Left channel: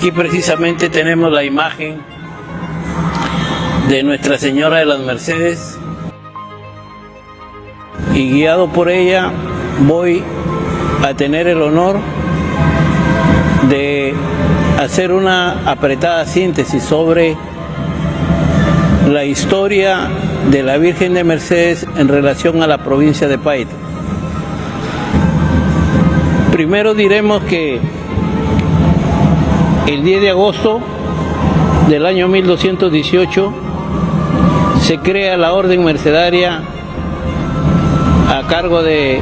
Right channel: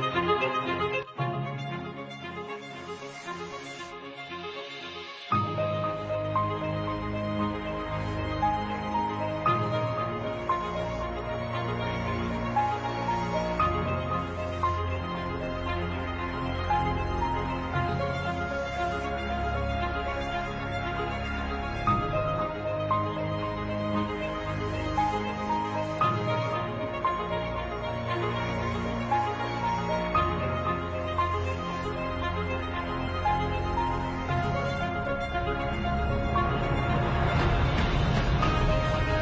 Aquí precisamente tenemos la imagen de Nuestra Señora de las Mercedes y guiado por ella voy a tener el honor de hacer una apretada síntesis sobre la historia de la Virgen de Mercedes en relación a la provincia de Paita. Primero diremos que el 10 de agosto del año 1218 se crea la Orden Mercedaria a cargo de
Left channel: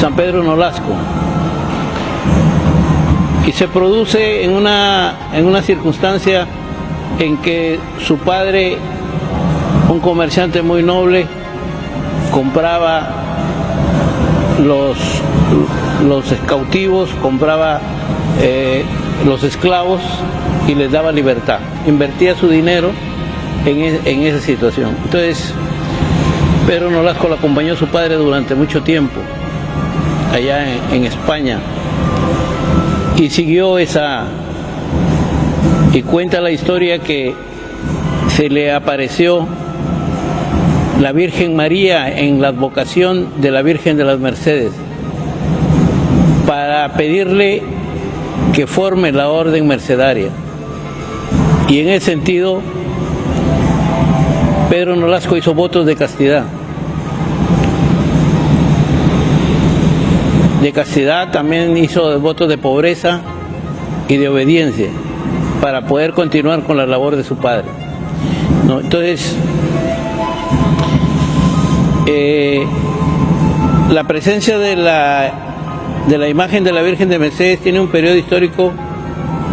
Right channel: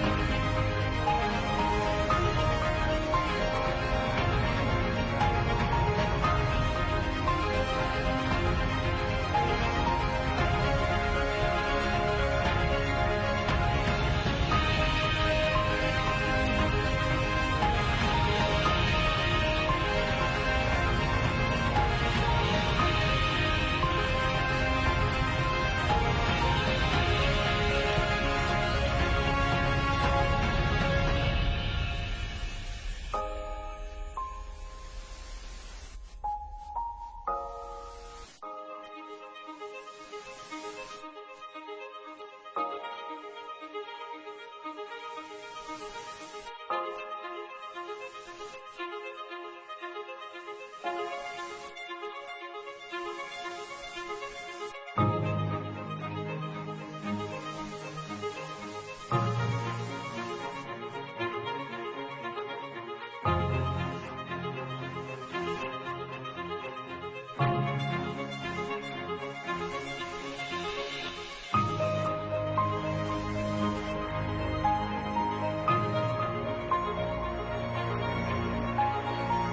San Pedro Nolasco y se produce en una circunstancia en que su padre, un comerciante muy noble, compraba los cautivos, compraba los esclavos y les daba libertad, invertía su dinero en esa situación. Entonces Pedro Nolasco lo acompañó a su padre durante mucho tiempo allá en España y siguió y cuenta la historia que se le apareció la Virgen María en la advocación de la Virgen de las Mercedes para pedirle que forme la Orden Mercedaria. Y en ese sentido, Pedro Nolasco hizo votos de castidad. De castidad también hizo votos de pobreza y de obediencia para poder continuar con la labor de su padre, ¿no? Entonces, la presencia de la imagen de la Virgen de Mercedes tiene un periodo histórico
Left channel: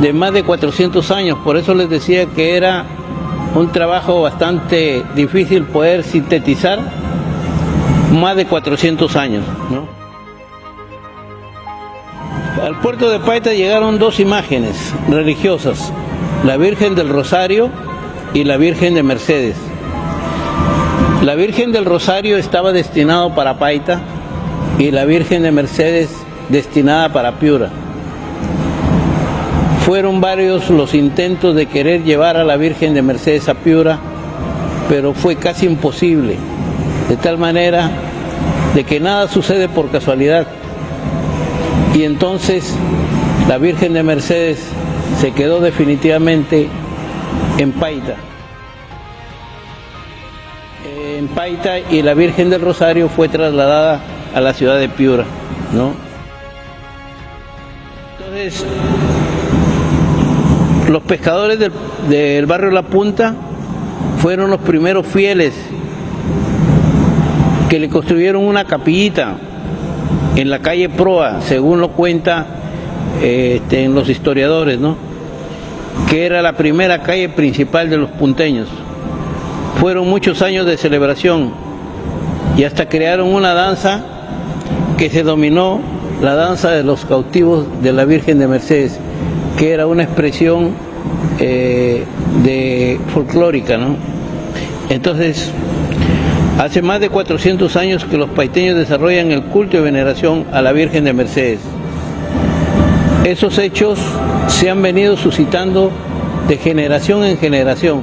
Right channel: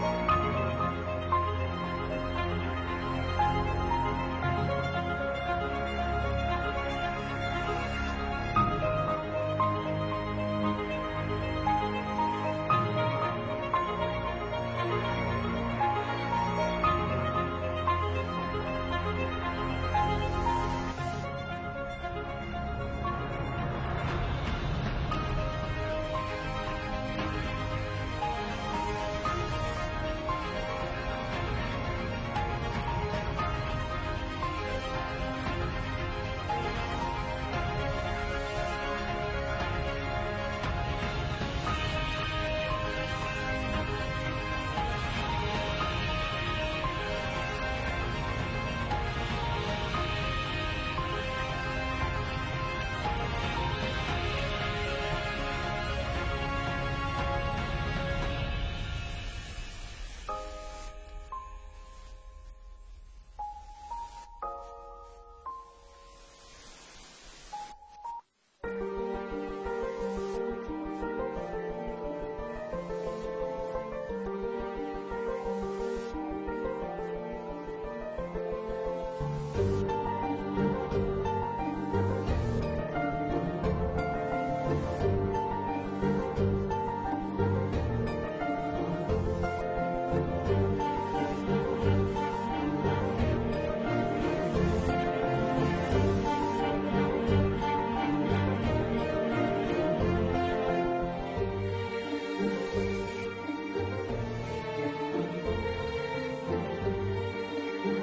de más de 400 años, por eso les decía que era un trabajo bastante difícil poder sintetizar más de 400 años, ¿no? Al puerto de Paita llegaron dos imágenes religiosas, la Virgen del Rosario y la Virgen de Mercedes. La Virgen del Rosario estaba destinado para Paita y la Virgen de Mercedes destinada para Piura. Fueron varios los intentos de querer llevar a la Virgen de Mercedes a Piura, pero fue casi imposible, de tal manera de que nada sucede por casualidad. Y entonces la Virgen de Mercedes se quedó definitivamente en Paita. En Paita, y la Virgen del Rosario fue trasladada a la ciudad de Piura, ¿no? Entonces, los pescadores del barrio La Punta fueron los primeros fieles que le construyeron una capillita en la calle Proa, según lo cuenta en los historiadores, ¿no? Que era la primera calle principal de los punteños. Fueron muchos años de celebración y hasta crearon una danza que se denominó la danza de los cautivos de la Virgen de Mercedes, que era una expresión folclórica, ¿no? Entonces, hace más de 400 años que los paiteños desarrollan el culto y veneración a la Virgen de Mercedes. Esos hechos se han venido suscitando de generación en generación.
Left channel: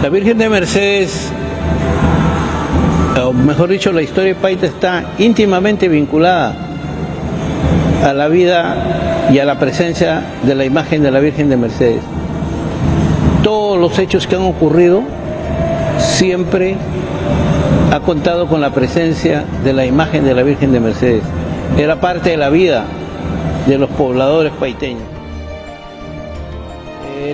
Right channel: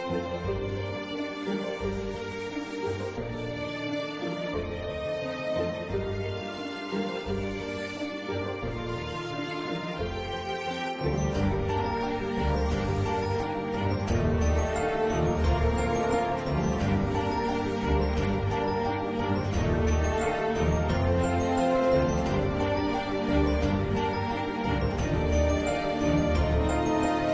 La Virgen de Mercedes, o mejor dicho, la historia de Paita está íntimamente vinculada a la vida y a la presencia de la imagen de la Virgen de Mercedes. Todos los hechos que han ocurrido siempre ha contado con la presencia de la imagen de la Virgen de Mercedes. Era parte de la vida de los pobladores paiteños.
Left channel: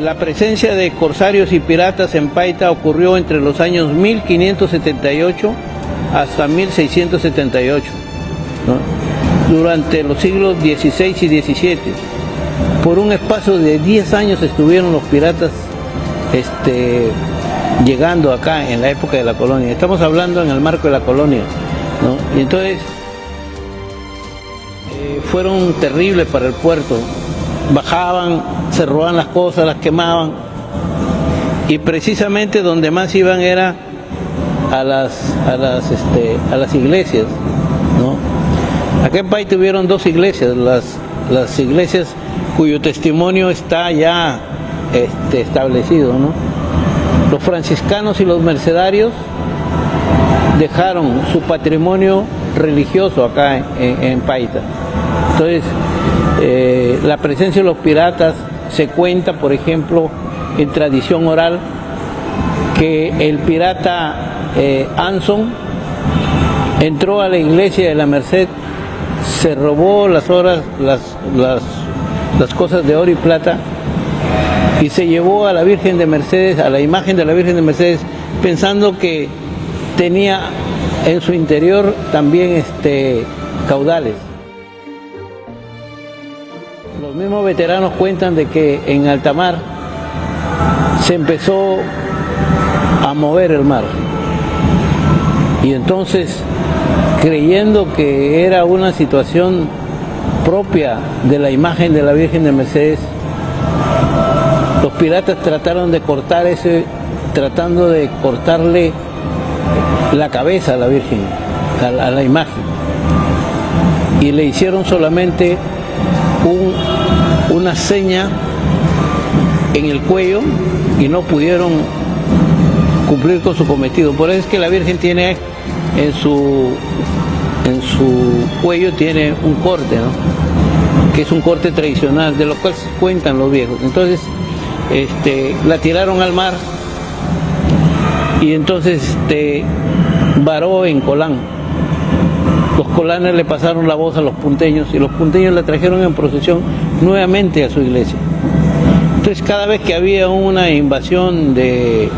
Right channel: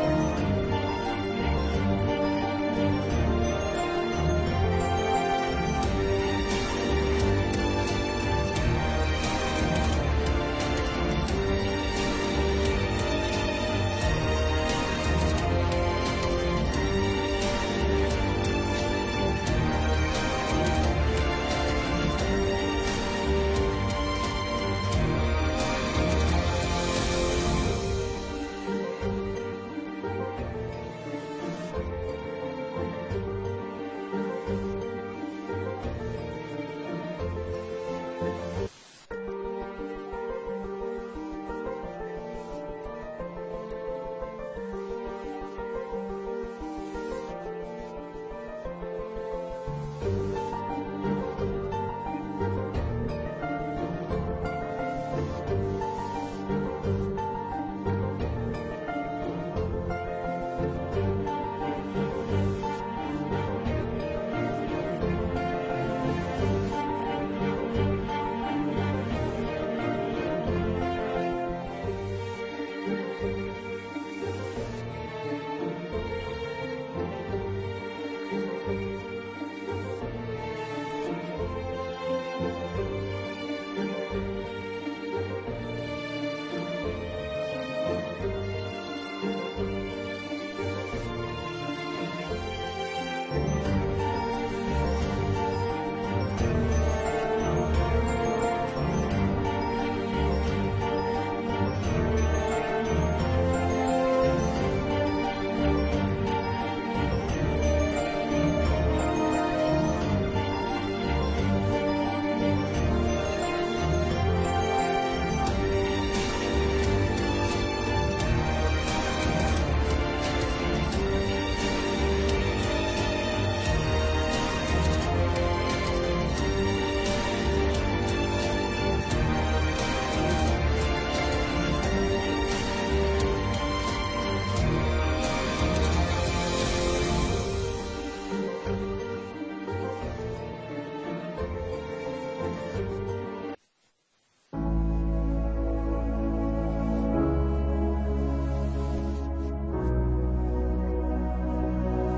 La presencia de corsarios y piratas en Paita ocurrió entre los años 1578 hasta 1678, ¿no? Durante los siglos XVI y XVII. Por un espacio de 10 años estuvieron los piratas llegando acá en la época de la colonia. Estamos hablando en el marco de la colonia, ¿no? Y entonces fueron terribles para el puerto. Bajaban, se robaban las cosas, las quemaban, y precisamente donde más iban era a las iglesias, ¿no? Acá en Paita tuvieron dos iglesias, las iglesias cuyo testimonio está ya establecido, ¿no? Los franciscanos y los mercedarios dejaron su patrimonio religioso acá en Paita. Entonces, la presencia de los piratas se cuenta, por ejemplo, en tradición oral, que el pirata Anson entró a la iglesia de la Merced, se robó las cosas de oro y plata y se llevó a la Virgen de Mercedes, a la imagen de la Virgen de Mercedes, pensando que tenía en su interior también caudales. Los mismos veteranos cuentan de que en alta mar se empezó a mover el mar y entonces, creyendo que era una situación propia de la imagen de la Virgen de Mercedes, los piratas trataron de cortar tratando de cortarle la cabeza a la Virgen, a la imagen, y le hicieron solamente una seña en el cuello y no pudieron cumplir con su cometido. Por eso es que la Virgen tiene en su cuello tiene un corte, ¿no? Que es un corte tradicional, de lo cual cuentan los viejos. Entonces la tiraron al mar y entonces varó en Colán. Los colanes le pasaron la voz a los punteños y los punteños la trajeron en procesión nuevamente a su iglesia. Entonces, cada vez que había una invasión de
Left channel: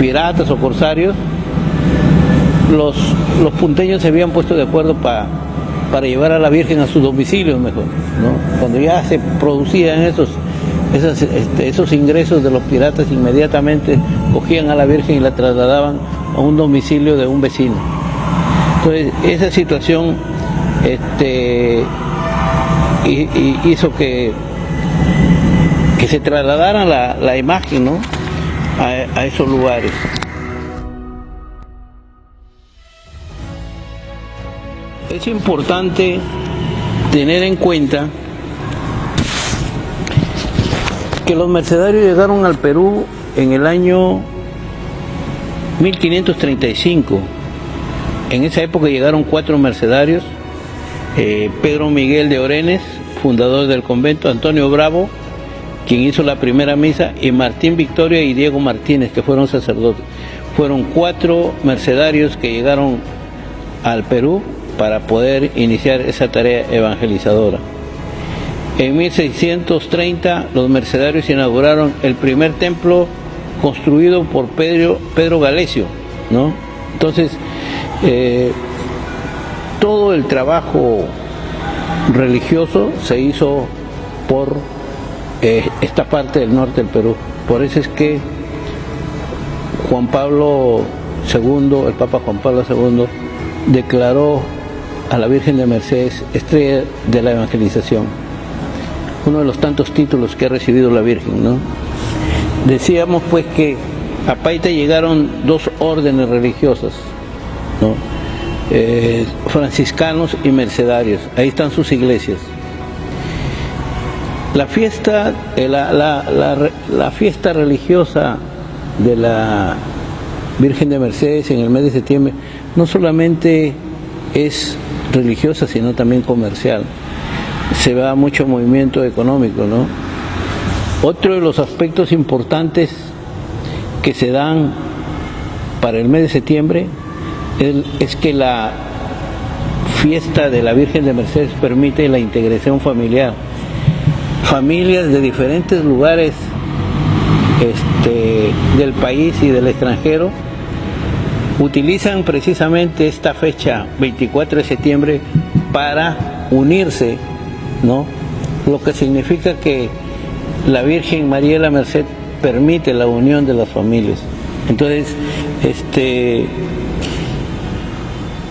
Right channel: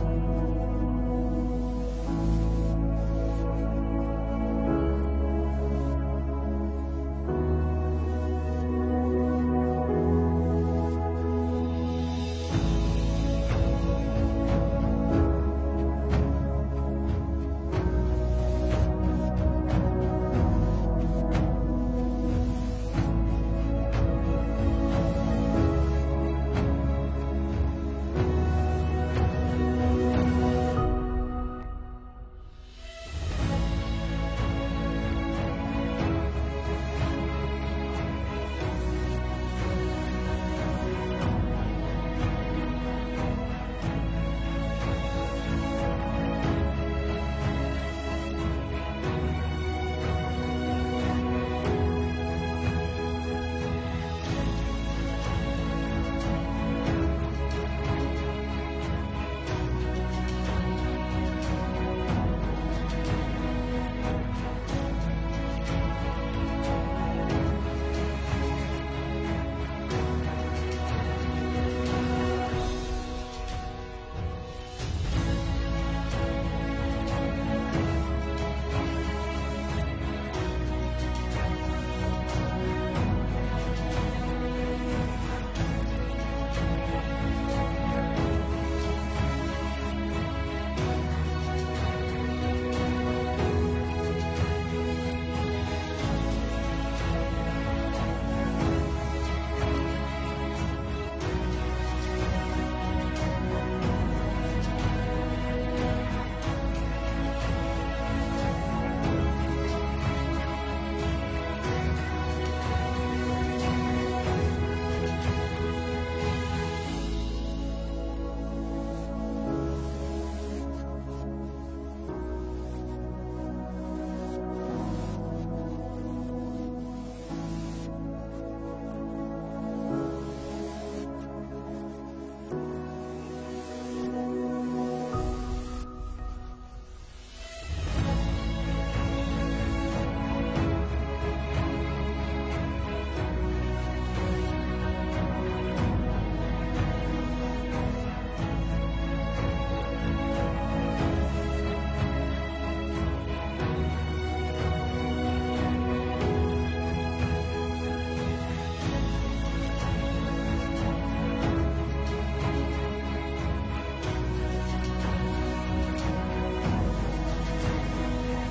piratas o corsarios, los punteños se habían puesto de acuerdo para llevar a la Virgen a su domicilio mejor, ¿no? Cuando ya se producían esos ingresos de los piratas, inmediatamente cogían a la Virgen y la trasladaban a un domicilio de un vecino. Entonces, esa situación hizo que se trasladara la imagen, ¿no? a esos lugares. Es importante tener en cuenta que los mercedarios llegaron al Perú en el año 1535. En esa época llegaron 4 mercedarios: Pedro Miguel de Orenes, fundador del convento; Antonio Bravo, quien hizo la primera misa; y Martín Victoria y Diego Martínez, que fueron sacerdotes. Fueron 4 mercedarios que llegaron al Perú para poder iniciar esa tarea evangelizadora. En 1630 los mercedarios inauguraron el primer templo construido por Pedro Galesio, ¿no? Entonces, todo el trabajo religioso se hizo por esta parte del norte del Perú. Por eso es que Juan Pablo II, el Papa Juan Pablo II, declaró a la Virgen de Mercedes estrella de la evangelización, uno de los tantos títulos que ha recibido la Virgen, ¿no? Decíamos pues que a Paita llegaron 2 órdenes religiosas, ¿no? Franciscanos y mercedarios. Ahí están sus iglesias. La fiesta, la fiesta religiosa de la Virgen de Mercedes en el mes de septiembre no solamente es religiosa, sino también comercial. Se va mucho movimiento económico, ¿no? Otro de los aspectos importantes que se dan para el mes de septiembre es que la fiesta de la Virgen de Mercedes permite la integración familiar. Familias de diferentes lugares del país y del extranjero utilizan precisamente esta fecha, 24 de septiembre, para unirse, ¿no? Lo que significa que la Virgen María de la Merced permite la unión de las familias. Entonces,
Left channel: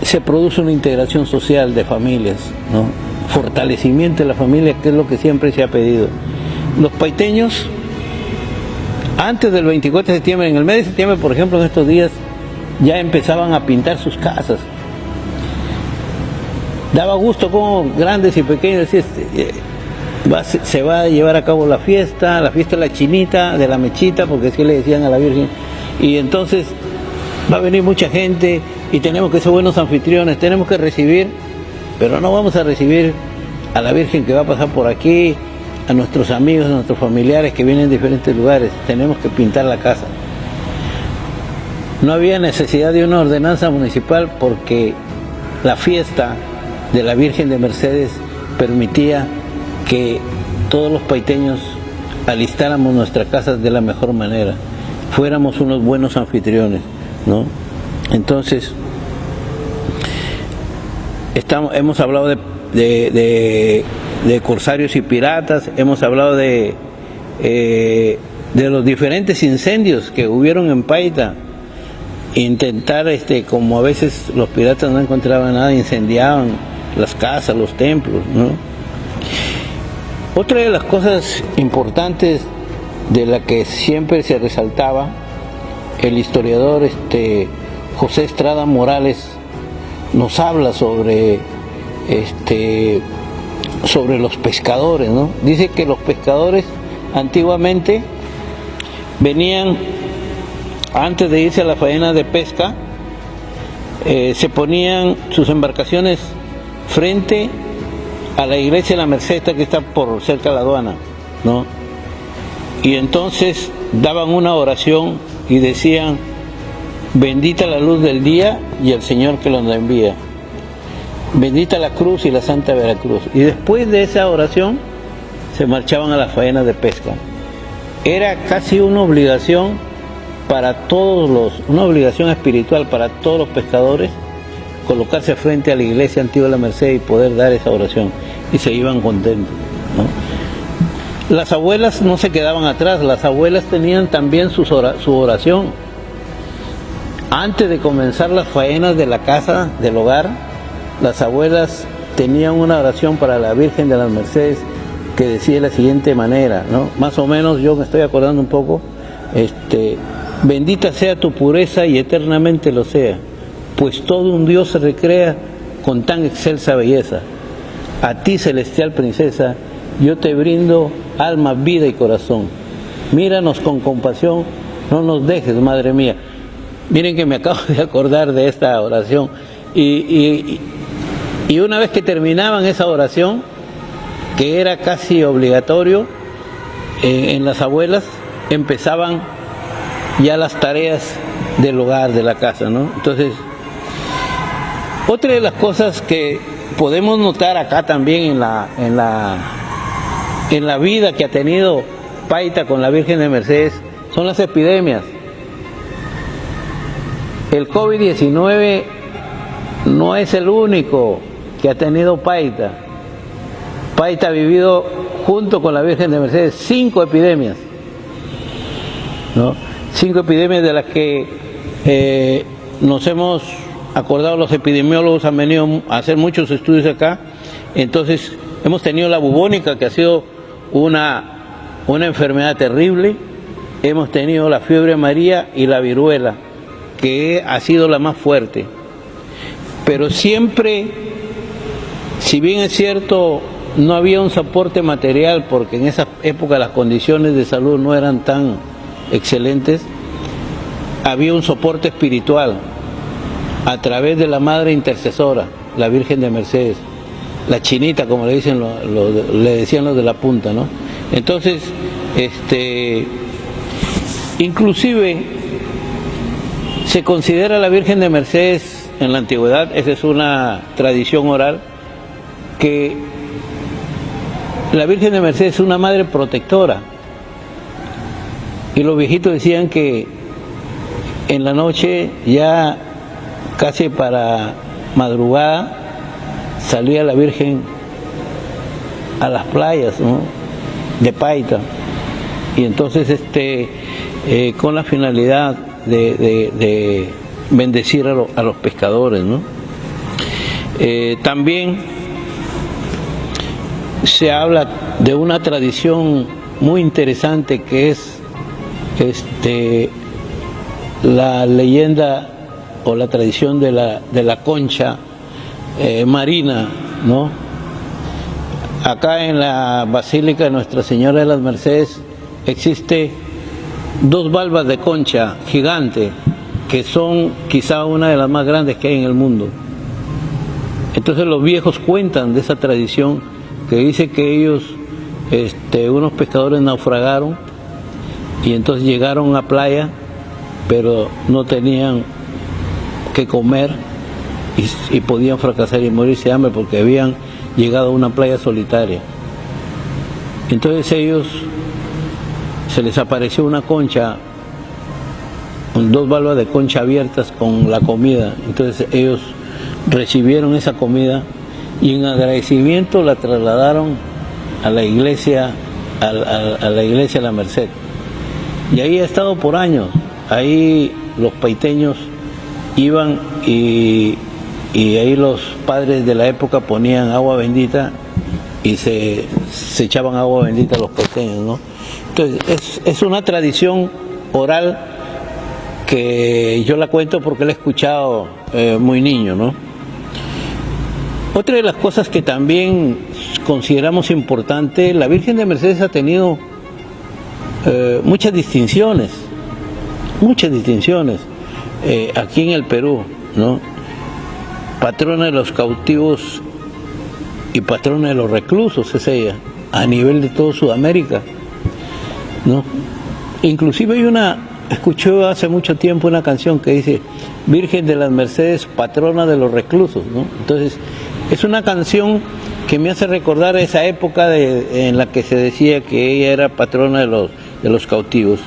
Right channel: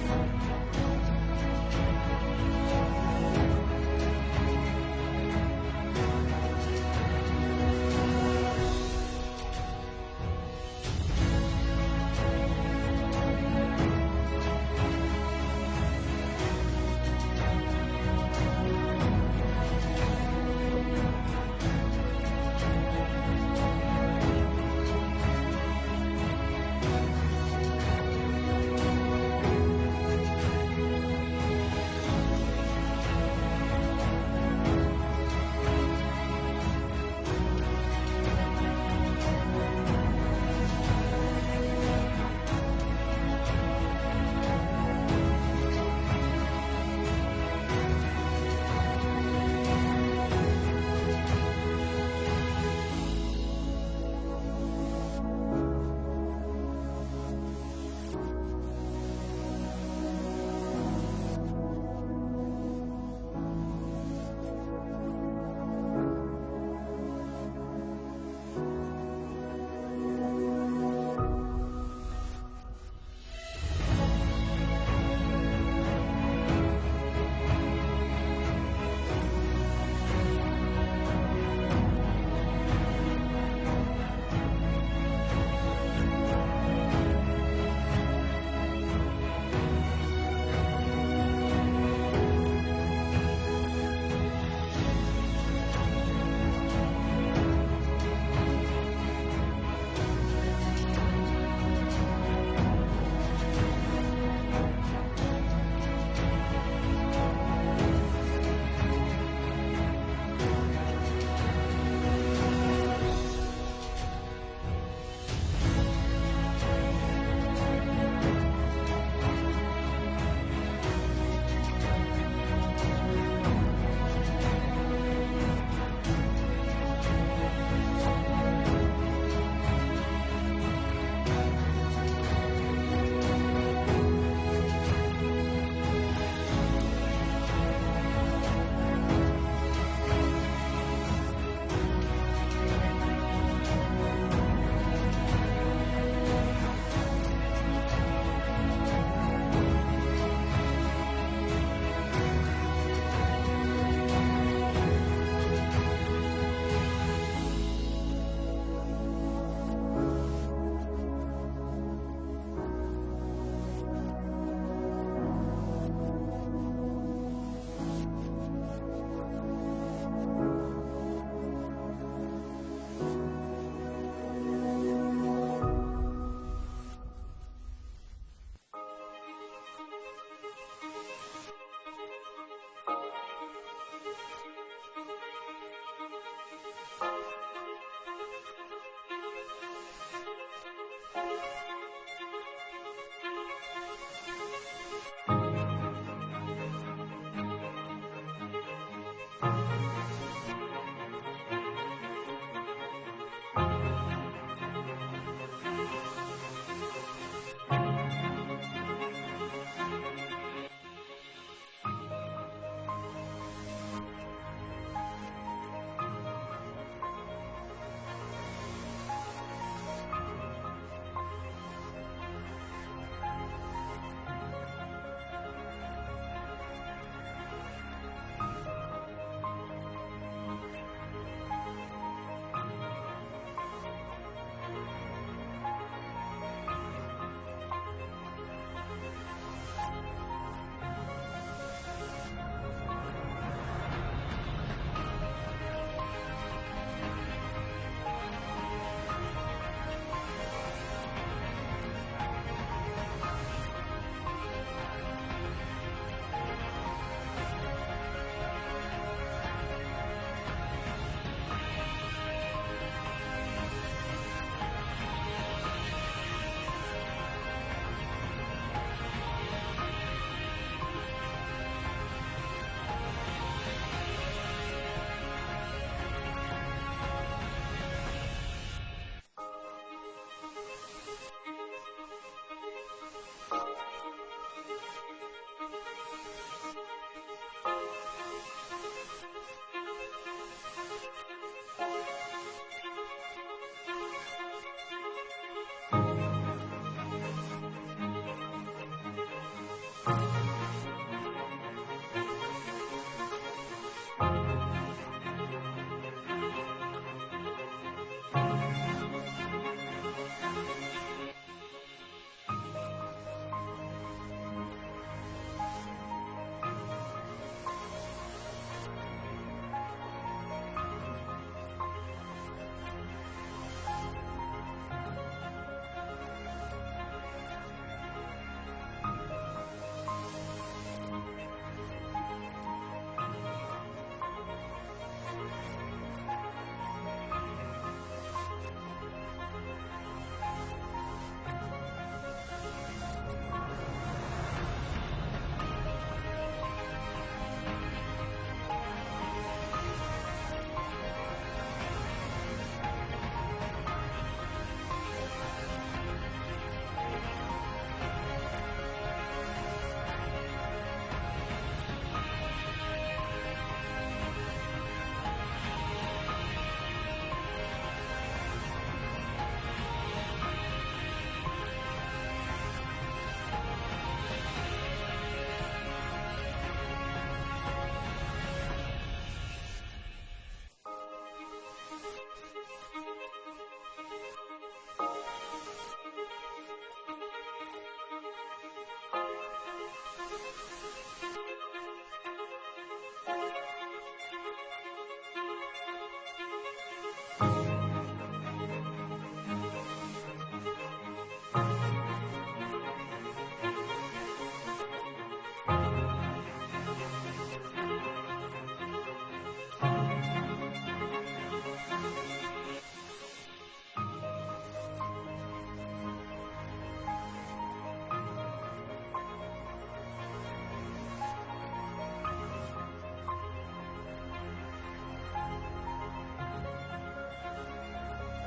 se produce una integración social de familias, ¿no? Fortalecimiento de la familia, que es lo que siempre se ha pedido. Los paiteños, antes del 24 de septiembre, en el mes de septiembre, por ejemplo, en estos días, ya empezaban a pintar sus casas. daba gusto como grandes y pequeños se va a llevar a cabo la fiesta de la chinita, de la mechita, porque así le decían a la Virgen, y entonces va a venir mucha gente y tenemos que ser buenos anfitriones, tenemos que recibir, pero no vamos a recibir a la Virgen que va a pasar por aquí, a nuestros amigos, a nuestros familiares que vienen de diferentes lugares, tenemos que pintar la casa. No había necesidad de una ordenanza municipal porque la fiesta de la Virgen de Mercedes permitía que todos los paiteños alistáramos nuestras casas de la mejor manera, fuéramos unos buenos anfitriones, ¿no? Entonces, hemos hablado de corsarios y piratas, hemos hablado de los diferentes incendios que hubieron en Paita. Intentar, como a veces los piratas no encontraban nada, incendiaban las casas, los templos, ¿no? Otra de las cosas importantes de la que siempre se resaltaba, el historiador José Estrada Morales nos habla sobre los pescadores, ¿no? Dice que los pescadores antiguamente venían, antes de irse a la faena de pesca, se ponían sus embarcaciones frente a la iglesia de la Merced, que está por cerca de la aduana, ¿no? Y entonces daban una oración y decían: bendita la luz del día y el Señor que los envía, bendita la cruz y la Santa Veracruz. Y después de esa oración se marchaban a la faena de pesca. Era casi una obligación para una obligación espiritual para todos los pescadores, colocarse frente a la iglesia antigua de la Merced y poder dar esa oración, y se iban contentos, ¿no? Las abuelas no se quedaban atrás, las abuelas tenían también su oración. Antes de comenzar las faenas de la casa, del hogar, las abuelas tenían una oración para la Virgen de las Mercedes que decía de la siguiente manera, ¿no? Más o menos, yo me estoy acordando un poco, bendita sea tu pureza y eternamente lo sea, pues todo un Dios se recrea con tan excelsa belleza. A ti, celestial princesa, yo te brindo alma, vida y corazón. Míranos con compasión, no nos dejes, madre mía. Miren que me acabo de acordar de esta oración. Y una vez que terminaban esa oración, que era casi obligatorio, en las abuelas empezaban ya las tareas del hogar, de la casa, ¿no? Entonces, otra de las cosas que podemos notar acá también en la vida que ha tenido Paita con la Virgen de Mercedes son las epidemias. El COVID-19 no es el único que ha tenido Paita. Paita ha vivido junto con la Virgen de Mercedes 5 epidemias, ¿no? 5 epidemias de las que nos hemos acordado, los epidemiólogos han venido a hacer muchos estudios acá. Entonces hemos tenido la bubónica, que ha sido una enfermedad terrible, hemos tenido la fiebre amarilla y la viruela, que ha sido la más fuerte. Pero siempre, si bien es cierto, no había un soporte material, porque en esa época las condiciones de salud no eran tan excelentes, había un soporte espiritual a través de la Madre Intercesora, la Virgen de Mercedes, la chinita, como le dicen, le decían los de la punta, ¿no? Entonces, inclusive se considera la Virgen de Mercedes en la antigüedad, esa es una tradición oral, que la Virgen de Mercedes es una madre protectora. Y los viejitos decían que en la noche, ya casi para madrugada, salía la Virgen a las playas, ¿no?, de Paita, y entonces con la finalidad de bendecir a los pescadores, ¿no? También se habla de una tradición muy interesante que es la leyenda o la tradición de la concha marina ¿no? Acá en la Basílica de Nuestra Señora de las Mercedes existe 2 valvas de concha gigante, que son quizá una de las más grandes que hay en el mundo. Entonces los viejos cuentan de esa tradición que dice que ellos, unos pescadores naufragaron y entonces llegaron a playa, pero no tenían que comer y podían fracasar y morirse de hambre porque habían llegado a una playa solitaria. Entonces ellos, se les apareció una concha, con 2 valvas de concha abiertas con la comida. Entonces ellos recibieron esa comida y en agradecimiento la trasladaron a la iglesia, a la iglesia de la Merced. Y ahí ha estado por años. Ahí los paiteños iban y ahí los padres de la época ponían agua bendita y se echaban agua bendita a los paiteños, ¿no? Entonces es una tradición oral que yo la cuento porque la he escuchado muy niño, ¿no? Otra de las cosas que también consideramos importante, la Virgen de Mercedes ha tenido muchas distinciones aquí en el Perú, ¿no? Patrona de los cautivos y patrona de los reclusos es ella, a nivel de todo Sudamérica, ¿no? Inclusive escuché hace mucho tiempo una canción que dice Virgen de las Mercedes, patrona de los reclusos, ¿no? Entonces es una canción que me hace recordar esa época en la que se decía que ella era patrona de los cautivos.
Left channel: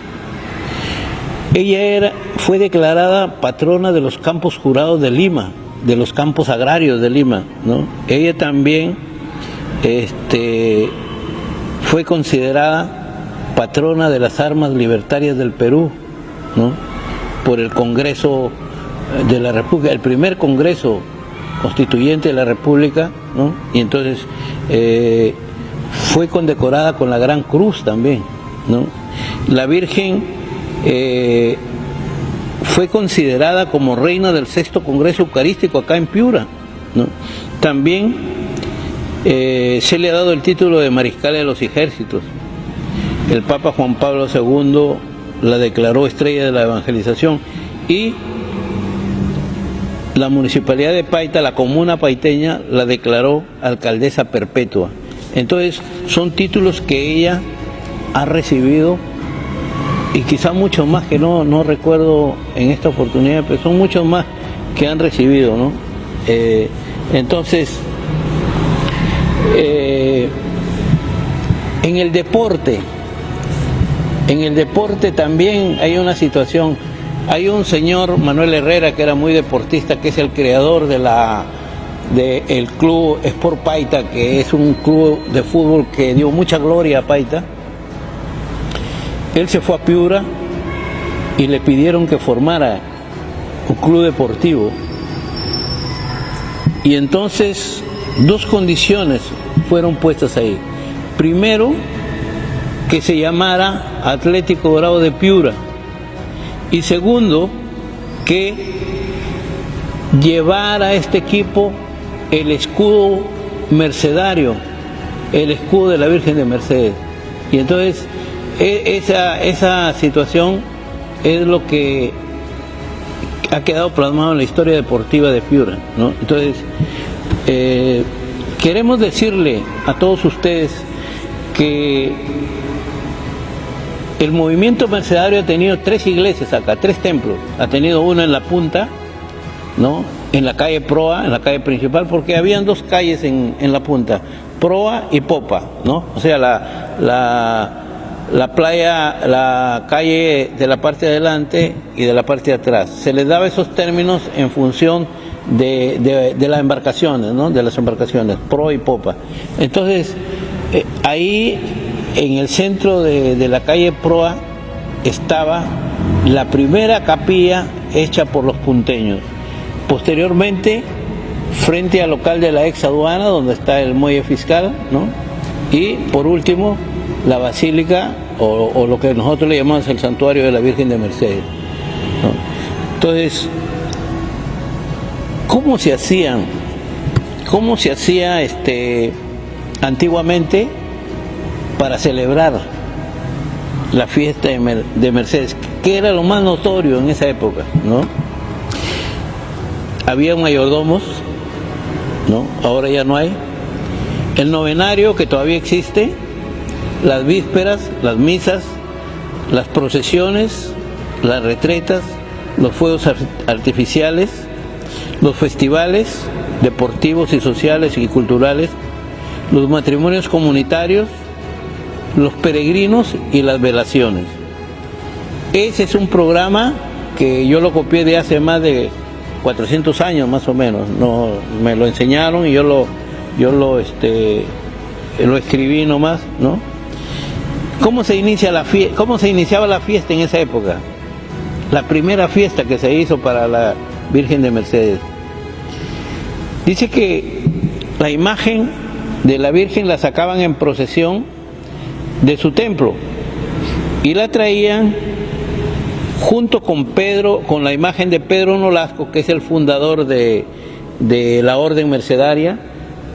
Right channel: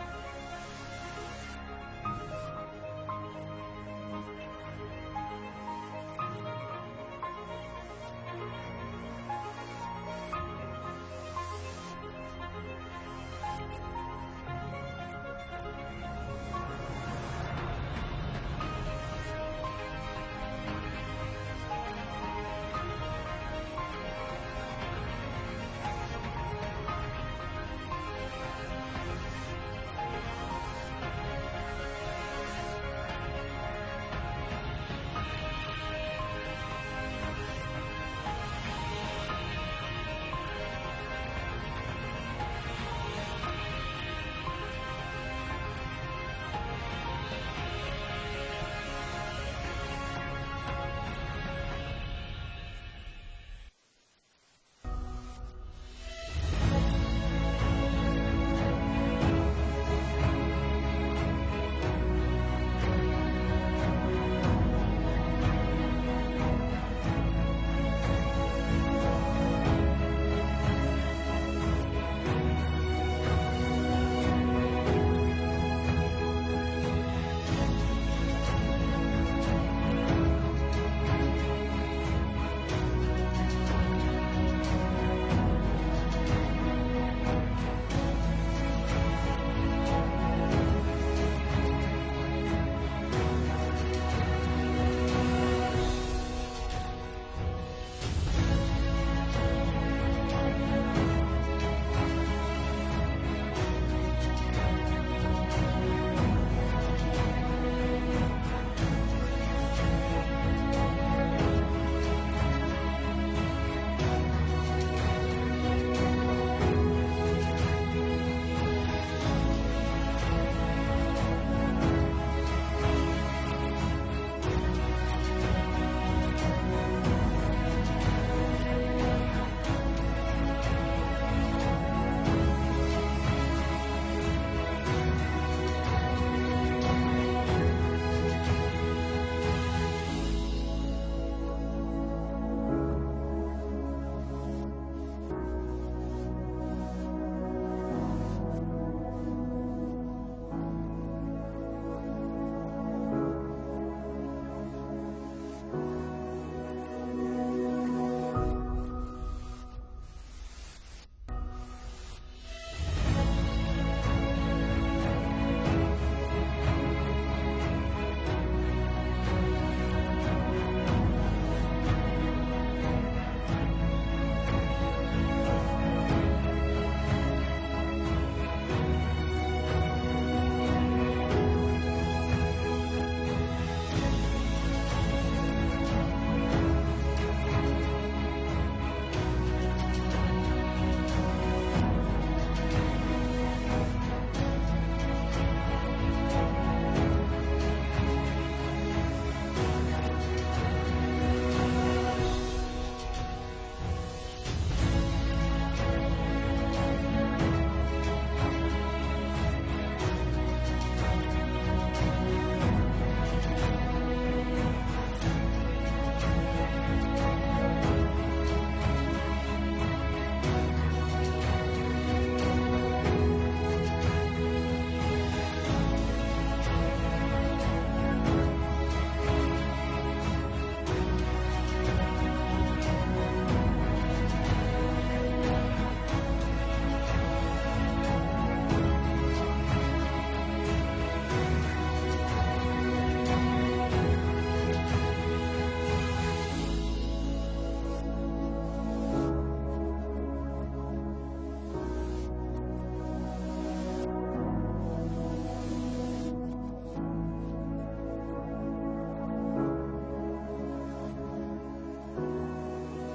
Ella fue declarada patrona de los campos jurados de Lima, de los campos agrarios de Lima, ¿no? Ella también fue considerada patrona de las armas libertarias del Perú, ¿no? Por el Congreso de la República, el primer Congreso Constituyente de la República, ¿no? Y entonces fue condecorada con la Gran Cruz también, ¿no? La Virgen fue considerada como reina del 6º Congreso Eucarístico acá en Piura, ¿no? También se le ha dado el título de Mariscal de los Ejércitos. El Papa Juan Pablo II la declaró estrella de la evangelización y la Municipalidad de Paita, la comuna paiteña, la declaró alcaldesa perpetua. Entonces son títulos que ella ha recibido y quizá muchos más que no recuerdo en esta oportunidad, pero son muchos más que han recibido, ¿no? Entonces, en el deporte también hay una situación. Hay un señor, Manuel Herrera, que era muy deportista, que es el creador del club Sport Paita, que es un club de fútbol que dio mucha gloria a Paita. Él se fue a Piura y le pidieron que formara un club deportivo. Y entonces 2 condiciones fueron puestas ahí. Primero, que se llamara Atlético Grau de Piura. Y segundo, que llevara a este equipo el escudo mercedario, el escudo de la Virgen de Mercedes. Y entonces esa situación es lo que ha quedado plasmado en la historia deportiva de Piura, ¿no? Entonces, queremos decirle a todos ustedes que el movimiento mercedario ha tenido 3 iglesias acá, 3 templos. Ha tenido uno en la punta, ¿no? En la calle Proa, en la calle principal, porque habían 2 calles en la punta, Proa y Popa, ¿no? O sea, la playa, la calle de la parte de adelante y de la parte de atrás. Se les daba esos términos en función de las embarcaciones, ¿no? De las embarcaciones, Proa y Popa. Entonces, ahí en el centro de la calle Proa estaba la primera capilla hecha por los punteños. Posteriormente, frente al local de la ex aduana, donde está el muelle fiscal, ¿no? Y por último, la basílica, o lo que nosotros le llamamos el santuario de la Virgen de Mercedes, ¿no? Entonces, ¿cómo se hacían cómo se hacía antiguamente para celebrar la fiesta de Mercedes, que era lo más notorio en esa época, ¿no? Había mayordomos, ¿no? Ahora ya no hay. El novenario, que todavía existe, las vísperas, las misas, las procesiones, las retretas, los fuegos artificiales, los festivales deportivos y sociales y culturales, los matrimonios comunitarios, los peregrinos y las velaciones. Ese es un programa que yo lo copié de hace más de 400 años más o menos. No, me lo enseñaron y yo lo escribí nomás, ¿no? ¿Cómo se iniciaba la fiesta en esa época? La primera fiesta que se hizo para la Virgen de Mercedes. Dice que la imagen de la Virgen la sacaban en procesión de su templo y la traían junto con Pedro, con la imagen de Pedro Nolasco, que es el fundador de la Orden Mercedaria,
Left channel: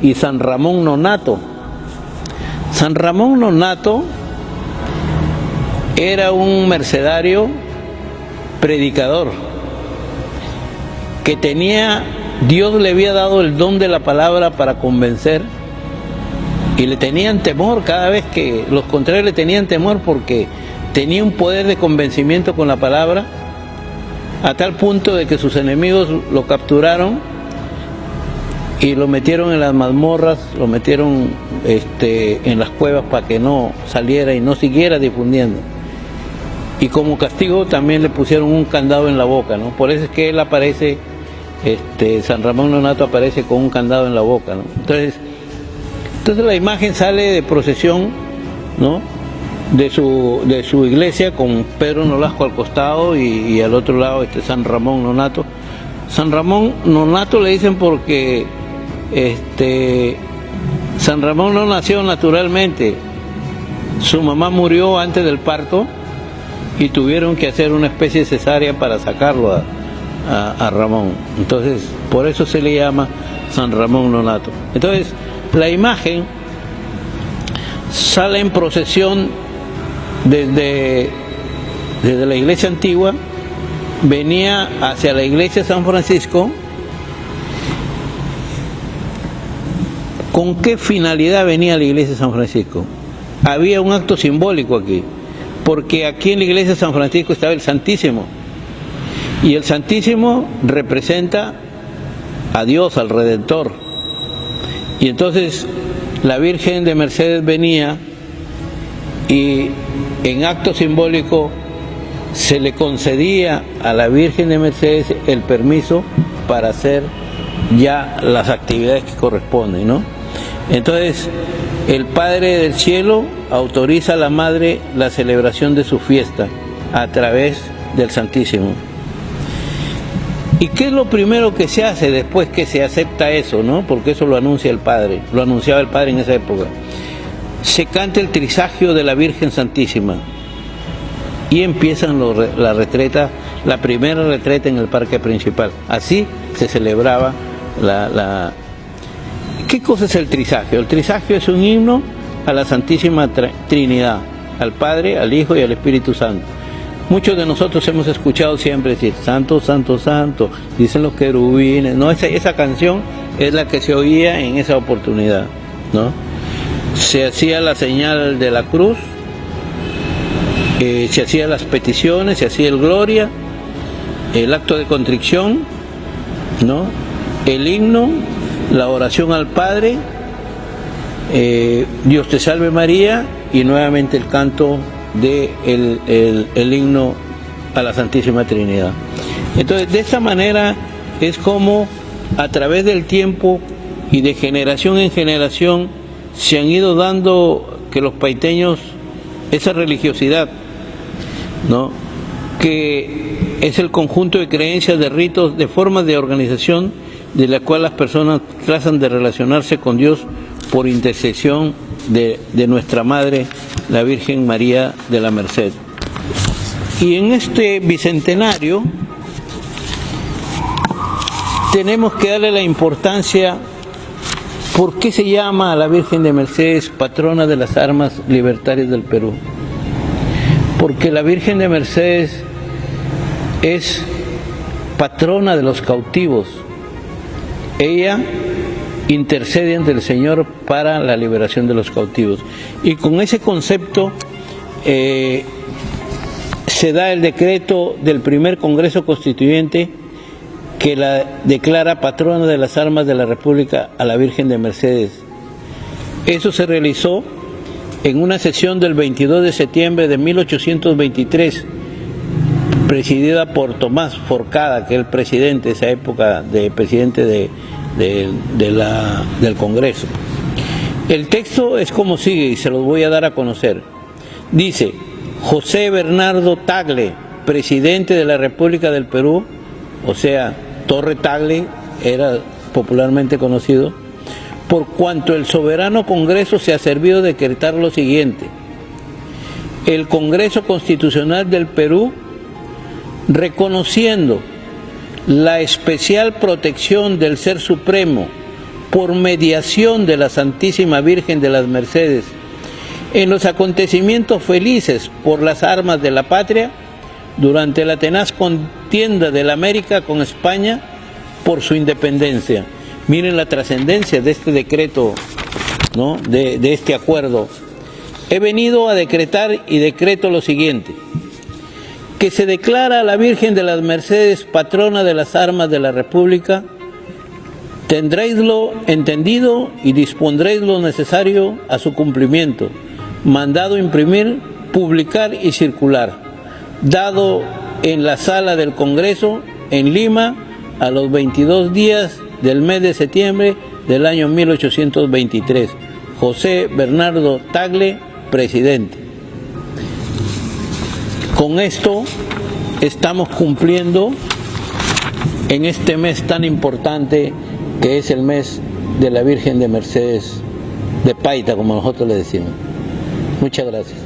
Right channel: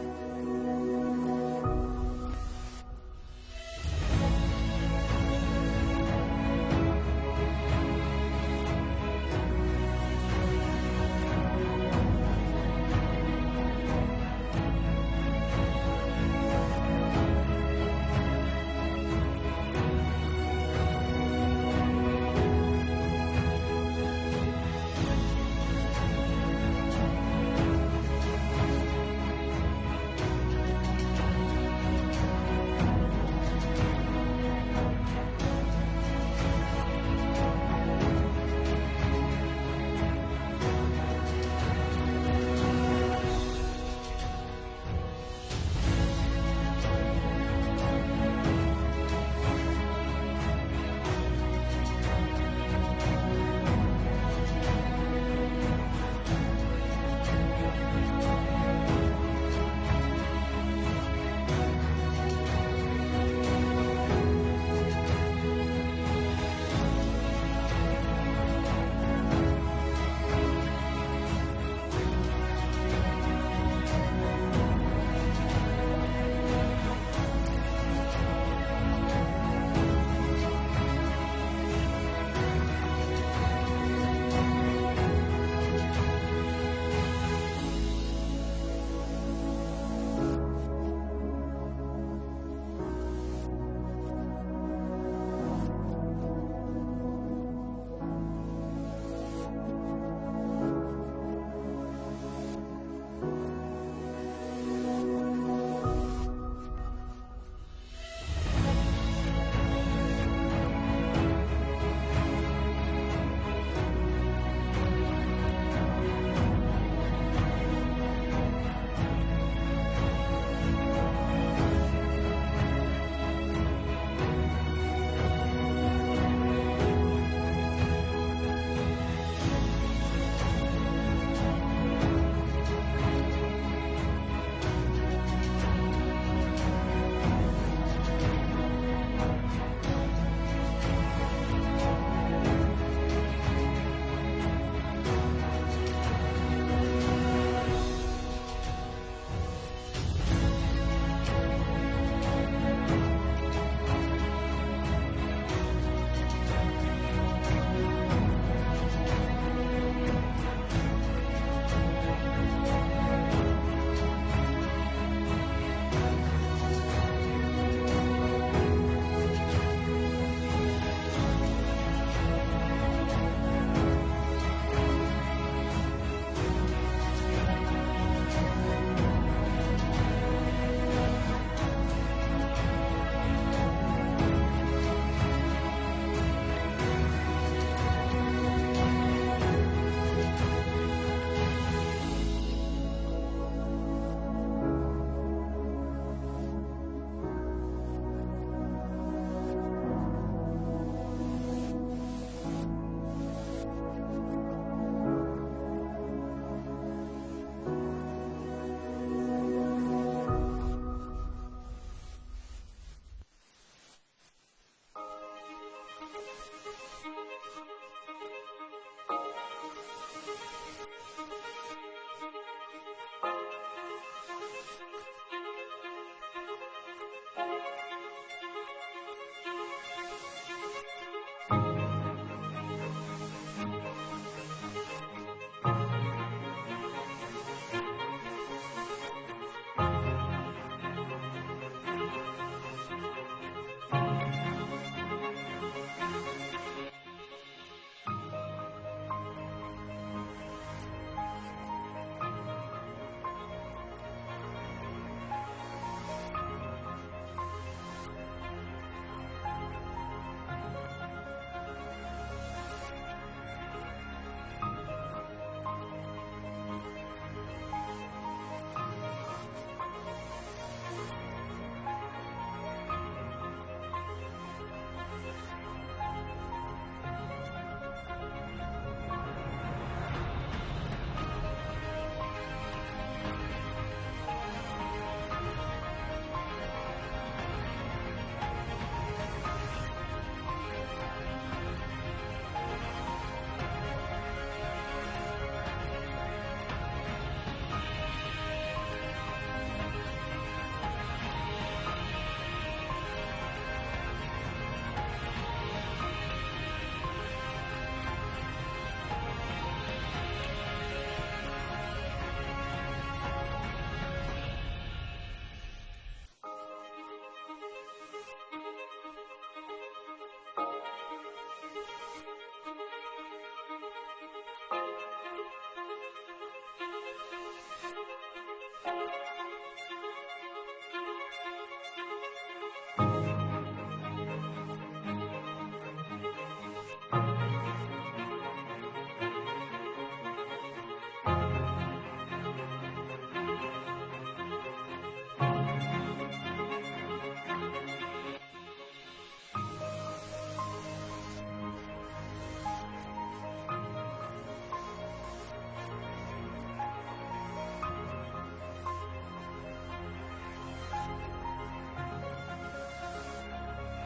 y San Ramón Nonnato. San Ramón Nonnato era un mercedario predicador que Dios le había dado el don de la palabra para convencer, y le tenían temor cada vez que los contrarios le tenían temor, porque tenía un poder de convencimiento con la palabra, a tal punto de que sus enemigos lo capturaron y lo metieron en las mazmorras, lo metieron en las cuevas para que no saliera y no siguiera difundiendo. Y como castigo también le pusieron un candado en la boca, ¿no? Por eso es que él aparece, San Ramón Nonnato aparece con un candado en la boca, ¿no? Entonces la imagen sale de procesión, ¿no? de su iglesia, con Pedro Nolasco al costado y al otro lado San Ramón Nonnato. San Ramón Nonnato le dicen porque San Ramón no nació naturalmente. Su mamá murió antes del parto y tuvieron que hacer una especie de cesárea para sacarlo a Ramón. Entonces, por eso se le llama San Ramón Nonnato. Entonces, la imagen sale en procesión desde la iglesia antigua, venía hacia la iglesia de San Francisco. ¿Con qué finalidad venía a la iglesia de San Francisco? Había un acto simbólico aquí, porque aquí en la iglesia de San Francisco estaba el Santísimo, y el Santísimo representa a Dios, al Redentor. Y entonces la Virgen de Mercedes venía y en acto simbólico se le concedía a la Virgen de Mercedes el permiso para hacer ya las actividades que corresponden, ¿no? Entonces, el Padre del Cielo autoriza a la Madre la celebración de su fiesta a través del Santísimo. ¿Y qué es lo primero que se hace después que se acepta eso, no? Porque eso lo anuncia el Padre, lo anunciaba el Padre en esa época. Se canta el trisagio de la Virgen Santísima y empiezan la retreta, la primera retreta en el parque principal. Así se celebraba ¿Qué cosa es el trisagio? El trisagio es un himno a la Santísima Trinidad, al Padre, al Hijo y al Espíritu Santo. Muchos de nosotros hemos escuchado siempre decir Santo, Santo, Santo, dicen los querubines. No, esa canción es la que se oía en esa oportunidad, ¿no? Se hacía la señal de la cruz, se hacían las peticiones, se hacía el gloria, el acto de contrición, ¿no? El himno, la oración al Padre, Dios te salve María, y nuevamente el canto el himno a la Santísima Trinidad. Entonces, de esta manera es como a través del tiempo y de generación en generación se han ido dando que los paiteños esa religiosidad, ¿no? Que es el conjunto de creencias, de ritos, de formas de organización de la cual las personas tratan de relacionarse con Dios por intercesión de nuestra Madre, la Virgen María de la Merced. Y en este bicentenario tenemos que darle la importancia ¿Por qué se llama a la Virgen de Mercedes patrona de las armas libertarias del Perú? Porque la Virgen de Mercedes es patrona de los cautivos. Ella intercede ante el Señor para la liberación de los cautivos. Y con ese concepto se da el decreto del primer Congreso Constituyente que la declara patrona de las armas de la República a la Virgen de Mercedes. Eso se realizó en una sesión del 22 de septiembre de 1823, presidida por Tomás Forcada, que es el presidente de esa época, presidente del Congreso. El texto es como sigue y se los voy a dar a conocer. Dice: José Bernardo Tagle, presidente de la República del Perú, o sea, Torre Tagle era popularmente conocido, por cuanto el soberano Congreso se ha servido de decretar lo siguiente: el Congreso Constitucional del Perú, reconociendo la especial protección del Ser Supremo por mediación de la Santísima Virgen de las Mercedes en los acontecimientos felices por las armas de la patria durante la tenaz contienda de la América con España por su independencia. Miren la trascendencia de este decreto, ¿no? de este acuerdo. He venido a decretar y decreto lo siguiente: que se declara a la Virgen de las Mercedes patrona de las armas de la República. Tendréislo entendido y dispondréis lo necesario a su cumplimiento. Mandado imprimir, publicar y circular. Dado en la sala del Congreso en Lima a los 22 días del mes de septiembre del año 1823. José Bernardo Tagle, presidente. Con esto estamos cumpliendo en este mes tan importante que es el mes de la Virgen de Mercedes de Paita, como nosotros le decimos. Muchas gracias.